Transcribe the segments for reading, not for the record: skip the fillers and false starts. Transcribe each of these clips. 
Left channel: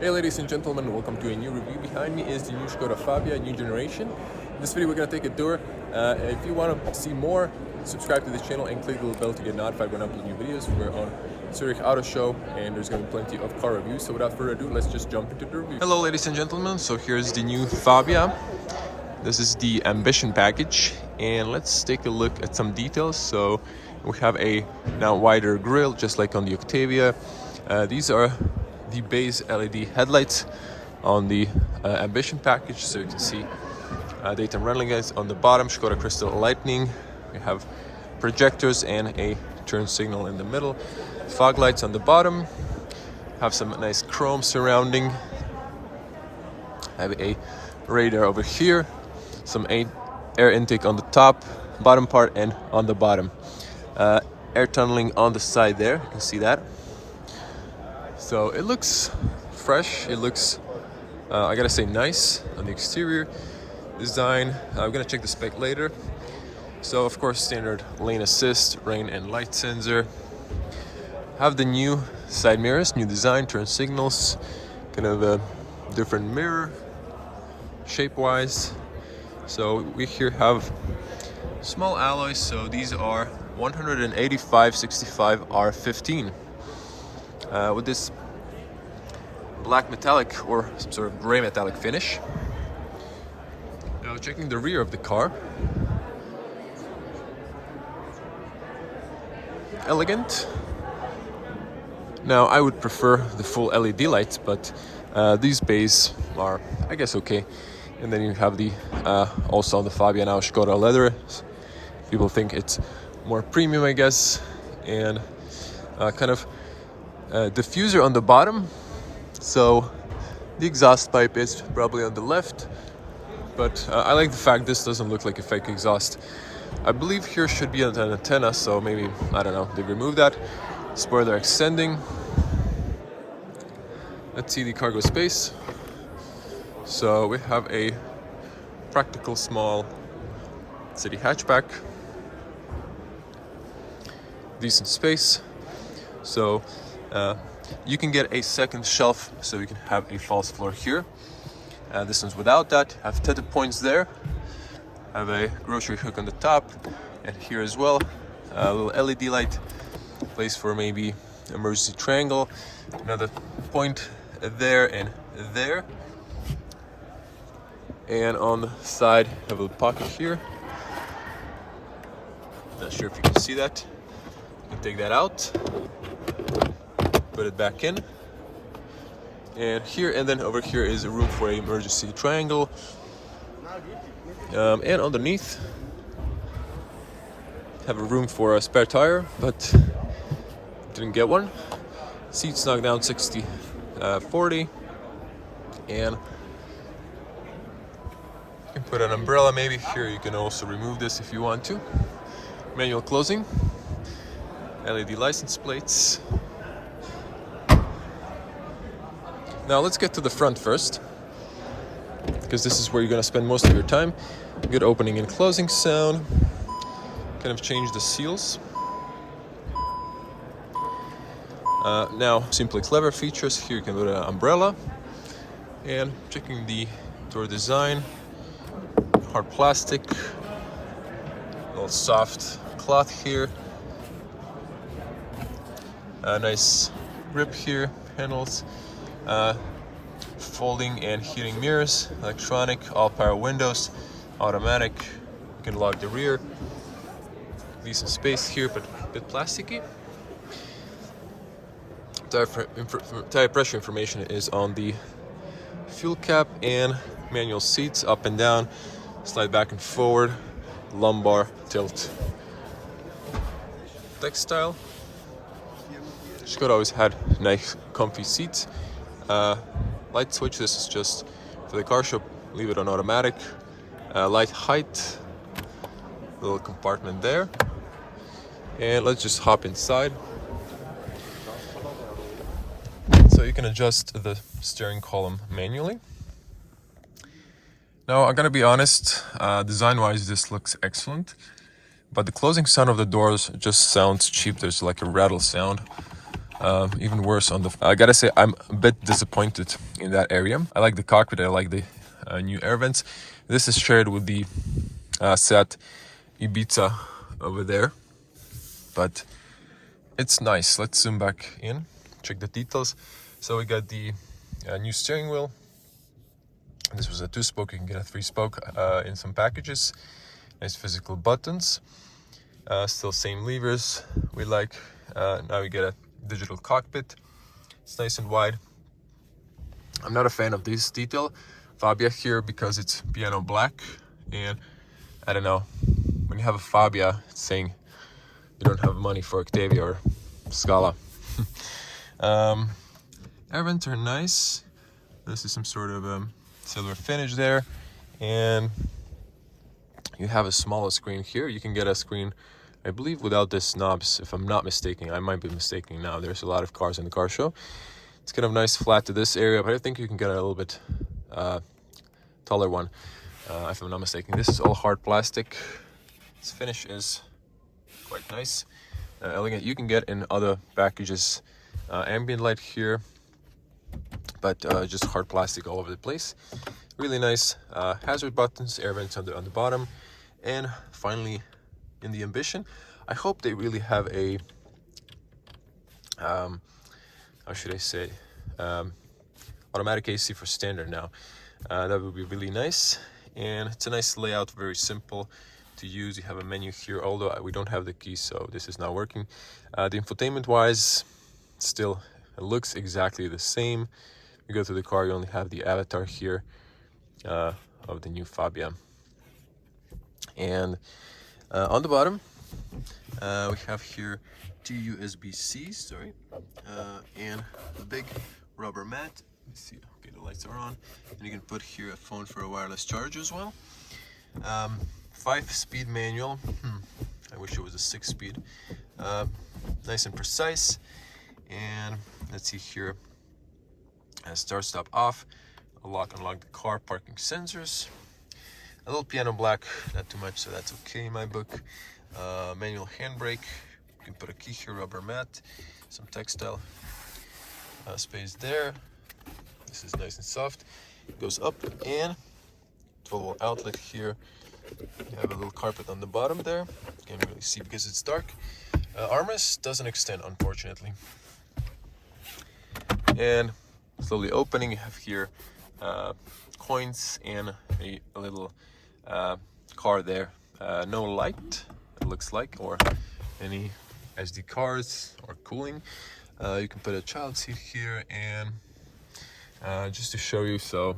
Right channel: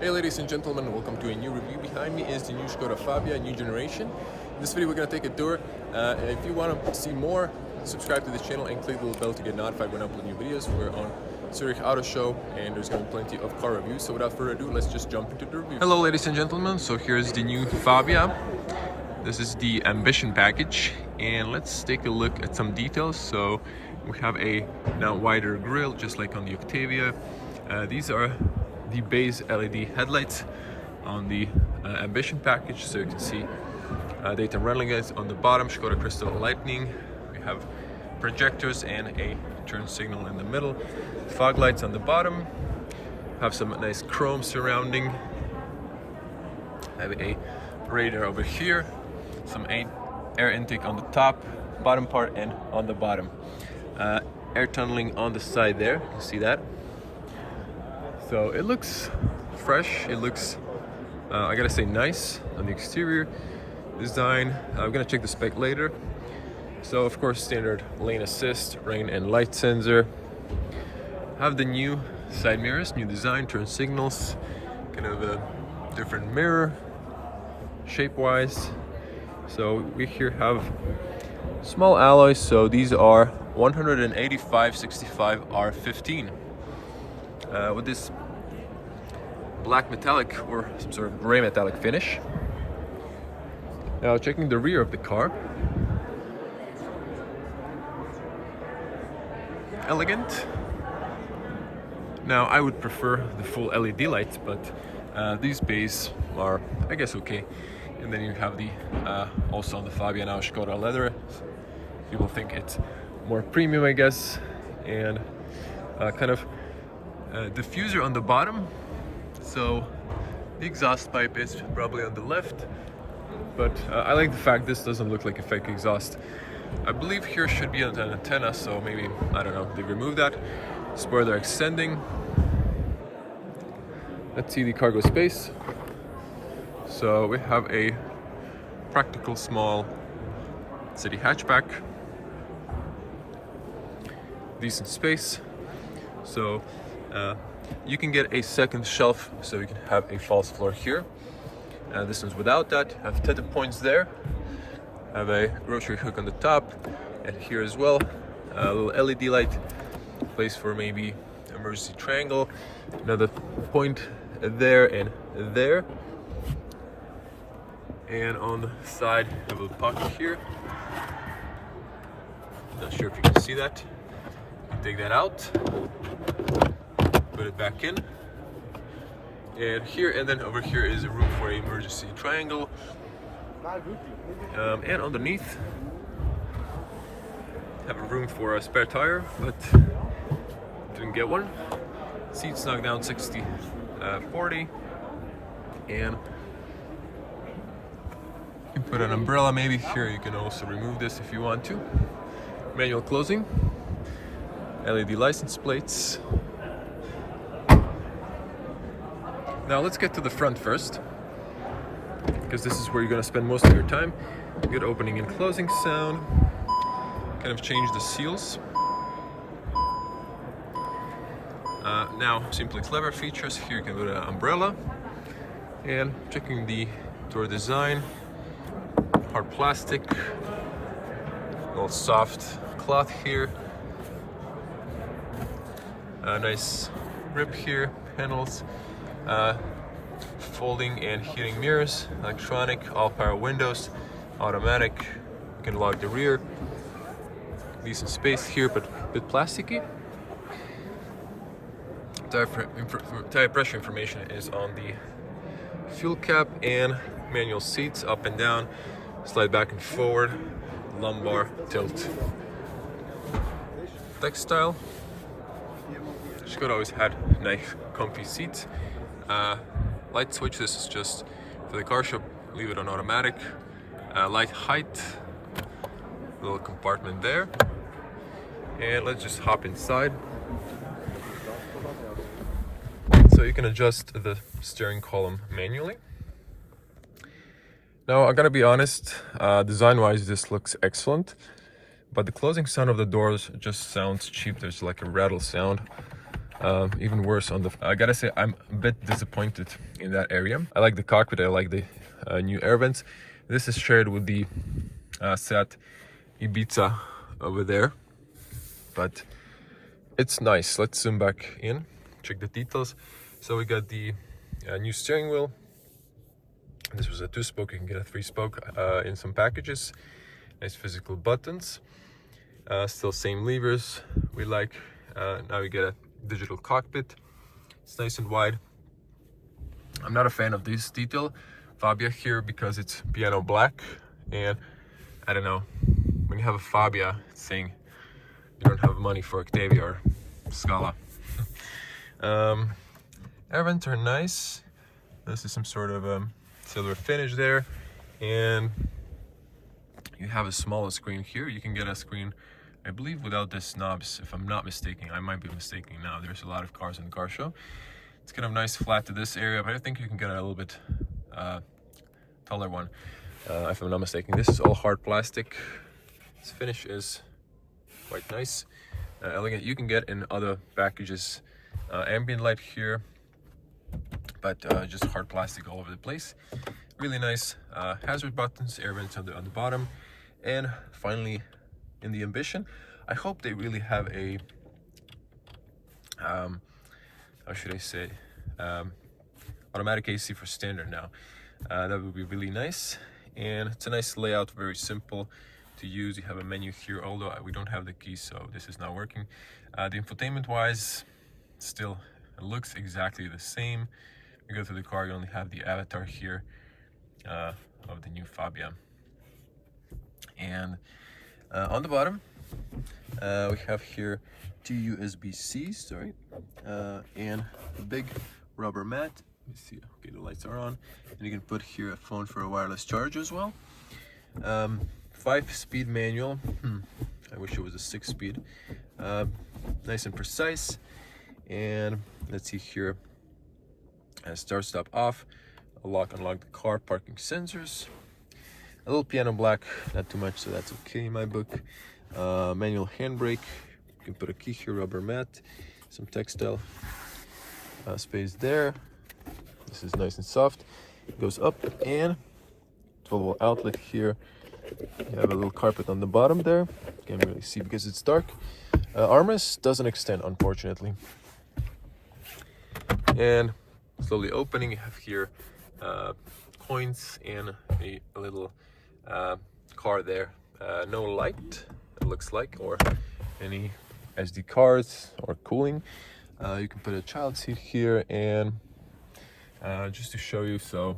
Hey ladies and gentlemen, welcome to a new review. Behind me is the new Škoda Fabia, new generation. In this video we're going to take a tour. If you want to see more, subscribe to this channel and click the little bell to get notified when I upload new videos. We're on Zurich Auto Show and there's going to be plenty of car reviews. So without further ado, let's just jump into the review. Hello ladies and gentlemen, so here's the new Fabia. This is the Ambition package and let's take a look at some details. So we have a now wider grille just like on the Octavia. These are the base LED headlights on the Ambition package, so you can see daytime running lights on the bottom, Škoda crystal lightning. We have projectors and a turn signal in the middle, fog lights on the bottom, have some nice chrome surrounding, have a radar over here, some air intake on the top, bottom part, and on the bottom. Air tunneling on the side there, you can see that. So it looks fresh, it looks, I gotta say, nice on the exterior design. I'm gonna check the spec later. So of course, standard lane assist, rain and light sensor. Have the new side mirrors, new design, turn signals, kind of a different mirror shape-wise. So we here have small alloys, so these are 185/65 R15. With this black metallic or some sort of gray metallic finish. Now checking the rear of the car. Elegant. Now I would prefer the full LED lights, but these bays are, I guess, okay. And then you have the also on the Fabia now Škoda leather. People think it's more premium, I guess, and kind of diffuser on the bottom, so the exhaust pipe is probably on the left, but I like the fact this doesn't look like a fake exhaust. I believe here should be an antenna, so maybe, I don't know, they removed that. Spoiler extending. Let's see the cargo space. So we have a practical small city hatchback, decent space. So you can get a second shelf, so you can have a false floor here. This one's without that. Have tinted points there. Have a grocery hook on the top, and here as well, a little LED light, place for maybe emergency triangle. Another point there and there. And on the side, have a little pocket here. Not sure if you can see that. You can take that out. Put it back in, and here and then over here is a room for an emergency triangle, and underneath have a room for a spare tire, but didn't get one. Seats knocked down 60/40, and you can put an umbrella maybe here. You can also remove this if you want to. Manual closing, LED license plates. Now let's get to the front first, because this is where you're going to spend most of your time. Good opening and closing sound. Kind of change the seals. Now, simply clever features. Here you can put an umbrella. And checking the door design. Hard plastic. A little soft cloth here. A nice grip here. Panels. Folding and heating mirrors, electronic, all power windows, automatic. You can lock the rear. Decent space here, but a bit plasticky. Tire pressure information is on the fuel cap, and manual seats up and down, slide back and forward, lumbar tilt. Textile. Škoda always had nice, comfy seats. Light switch, this is just for the car shop, leave it on automatic. Light height, little compartment there. And let's just hop inside. So you can adjust the steering column manually. Now I gotta be honest, design-wise this looks excellent, but the closing sound of the doors just sounds cheap. There's like a rattle sound. Even worse on the... I gotta say, I'm a bit disappointed in that area. I like the cockpit, I like the new air vents. This is shared with the Seat Ibiza over there, but it's nice. Let's zoom back in, check the details. So we got the new steering wheel. This was a 2-spoke, you can get a 3-spoke in some packages. Nice physical buttons. Still same levers we like. Now we get a digital cockpit. It's nice and wide. I'm not a fan of this detail Fabia here because it's piano black, and I don't know, when you have a Fabia, it's saying you don't have money for Octavia or Scala. Air vents are nice. This is some sort of silver finish there, and you have a smaller screen here. You can get a screen, I believe, without the knobs, if I'm not mistaken. I might be mistaken now. There's a lot of cars in the car show. It's kind of nice flat to this area, but I think you can get a little bit taller one, if I'm not mistaken. This is all hard plastic. This finish is quite nice, elegant. You can get in other packages ambient light here, but just hard plastic all over the place. Really nice hazard buttons, air vents on the bottom, and finally in the Ambition, I hope they really have a how should I say, automatic AC for standard now. That would be really nice, and it's a nice layout, very simple to use. You have a menu here, although we don't have the key, so this is not working. The infotainment wise, still it looks exactly the same. You go to the car, you only have the avatar here of the new Fabia. And on the bottom we have here 2 USB-Cs, and a big rubber mat. Let's see, okay, the lights are on, and you can put here a phone for a wireless charge as well. 5-speed manual. I wish it was a 6-speed. Nice and precise. And let's see here, start, stop, off, lock, unlock the car, parking sensors. A little piano black, not too much, so that's okay in my book. Manual handbrake. You can put a key here, rubber mat, some textile space there. This is nice and soft. It goes up, and 12-volt outlet here. You have a little carpet on the bottom there. Can't really see because it's dark. Armrest doesn't extend, unfortunately. And slowly opening, you have here coins and a little car there. No light, it looks like, or any SD cards or cooling. You can put a child seat here, and just to show you, so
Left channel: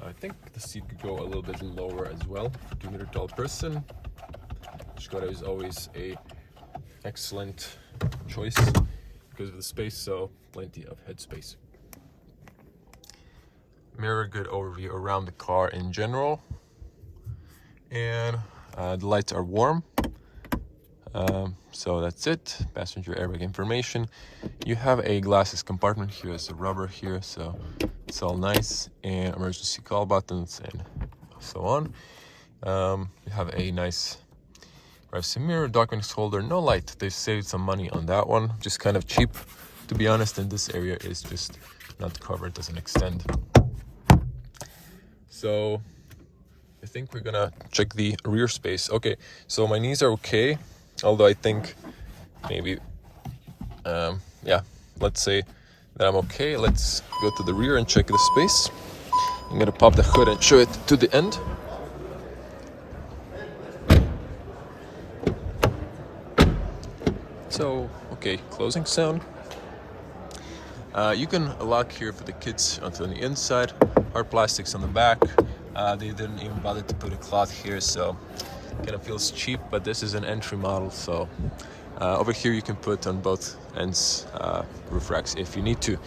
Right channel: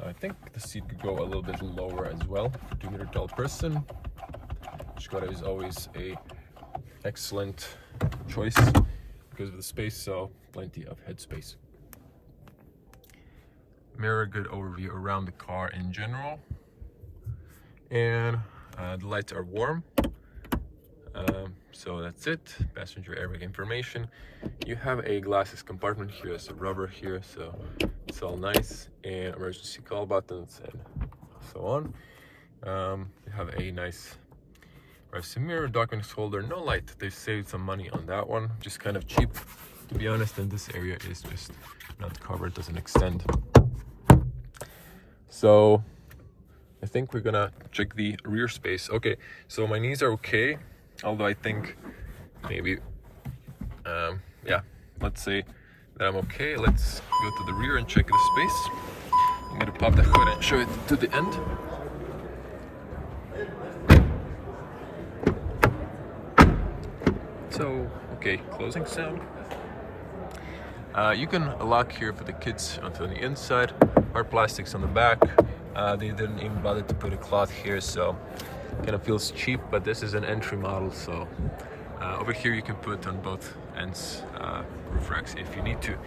I think the seat could go a little bit lower as well for 2-meter tall person. Škoda is always a excellent choice because of the space, so plenty of headspace. Mirror, good overview around the car in general, and the lights are warm. So that's it. Passenger airbag information. You have a glasses compartment here, it's a rubber here, so it's all nice, and emergency call buttons and so on. You have a nice privacy mirror, documents holder, no light. They saved some money on that one, just kind of cheap, to be honest. In this area is just not covered, doesn't extend. So I think we're gonna check the rear space. Okay, so my knees are okay, although I think maybe yeah, let's say that I'm okay. Let's go to the rear and check the space. I'm gonna pop the hood and show it to the end. So okay, closing sound. You can lock here for the kids onto the inside. Hard plastics on the back. They didn't even bother to put a cloth here, so kind of feels cheap, but this is an entry model, so over here you can put on both ends roof racks if you need to.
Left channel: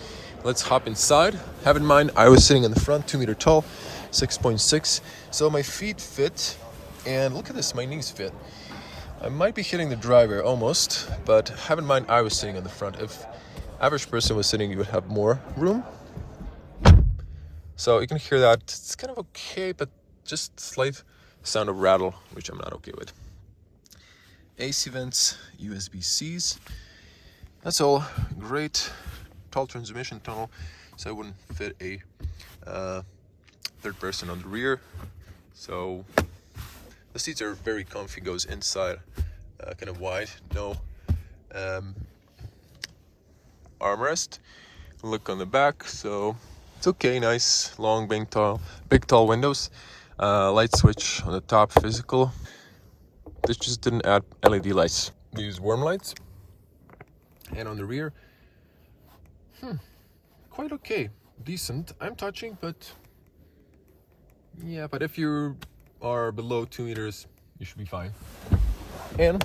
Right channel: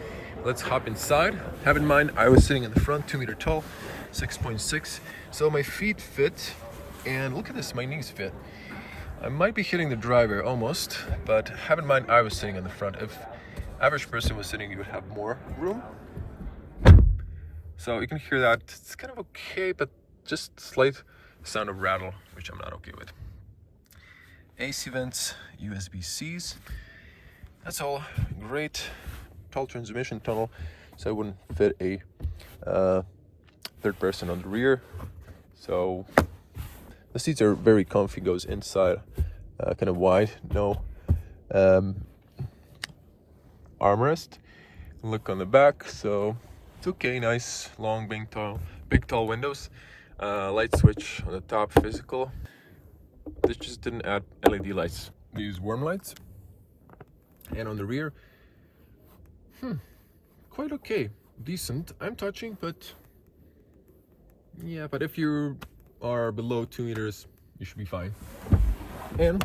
Let's hop inside. Have in mind, I was sitting in the front, 2-meter tall, 6.6, so my feet fit, and look at this, my knees fit. I might be hitting the driver almost, but have in mind, I was sitting in the front. If average person was sitting, you would have more room. So you can hear that. It's kind of okay, but just slight sound of rattle, which I'm not okay with. AC vents, USB-Cs, That's all great. Tall transmission tunnel, so it wouldn't fit a third person on the rear. So the seats are very comfy, goes inside, kind of wide, no armrest. Look on the back, so it's okay, nice, long, big, tall windows. Light switch on the top, physical. This just didn't add LED lights. These warm lights. And on the rear, quite okay, decent. I'm touching, but yeah, but if you are below 2 meters, you should be fine. And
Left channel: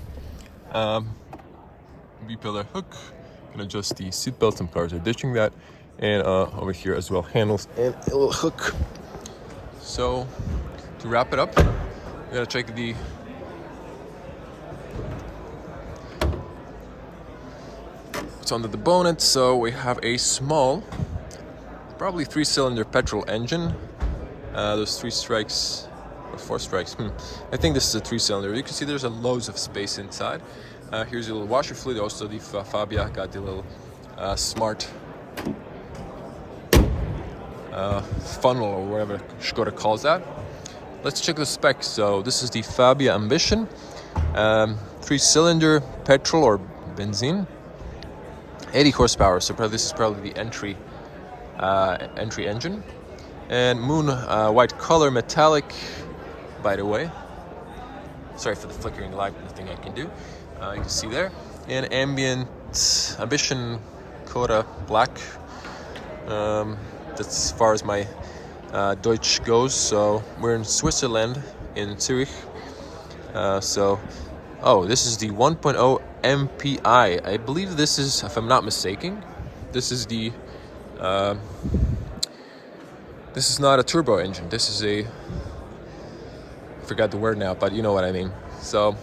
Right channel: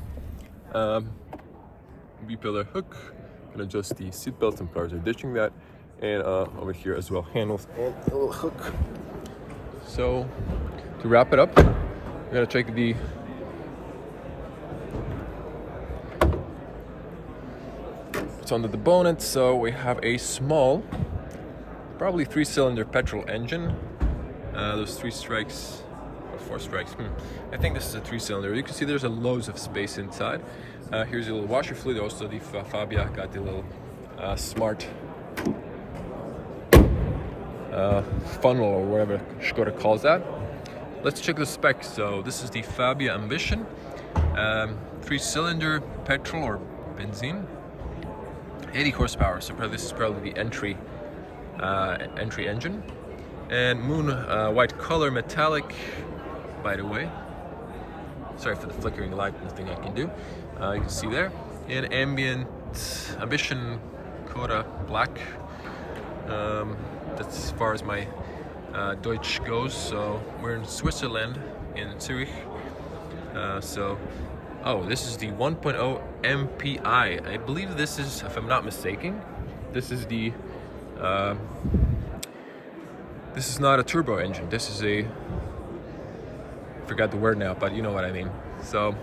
B-pillar hook, can adjust the seat belts and prior to ditching that. And over here as well, handles and a little hook. So to wrap it up, we're gonna check the what's under the bonnet. So we have a small, probably 3-cylinder petrol engine. Those 3 strikes, or 4 strikes. I think this is a 3-cylinder. You can see there's loads of space inside. Here's a little washer fluid. Also, the Fabia got the little smart funnel, or whatever Škoda calls that. Let's check the specs. So this is the Fabia Ambition, 3-cylinder petrol or benzene, 80 horsepower. So this is probably the entry engine. And moon white color, metallic, by the way. Sorry for the flickering light, nothing I can do. You can see there. And ambient Ambition koda black. That's as far as my Deutsch goes. So we're in Switzerland, in Zurich. This is the 1.0 MPI. I believe this is, if I'm not mistaken, this is the this is not a turbo engine. This is a, I forgot the word now, but you know what I mean. So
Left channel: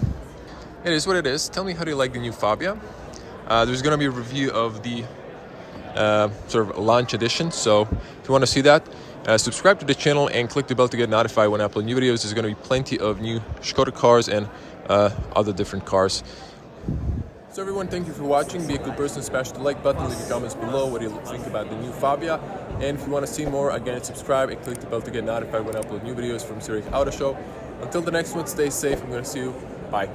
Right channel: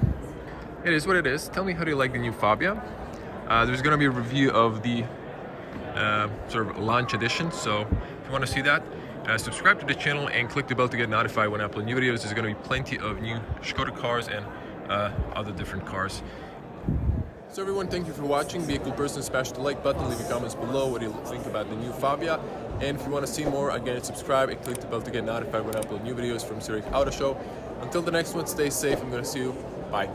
it is what it is. Tell me, how do you like the new Fabia? There's gonna be a review of the sort of launch edition. So if you want to see that, subscribe to the channel and click the bell to get notified when I upload new videos. There's going to be plenty of new Škoda cars and other different cars. So everyone, thank you for watching. Be a cool person, smash the like button, leave your comments below what do you think about the new Fabia. And if you want to see more, again, subscribe and click the bell to get notified when I upload new videos from Zurich Auto Show. Until the next one, stay safe. I'm going to see you. Bye.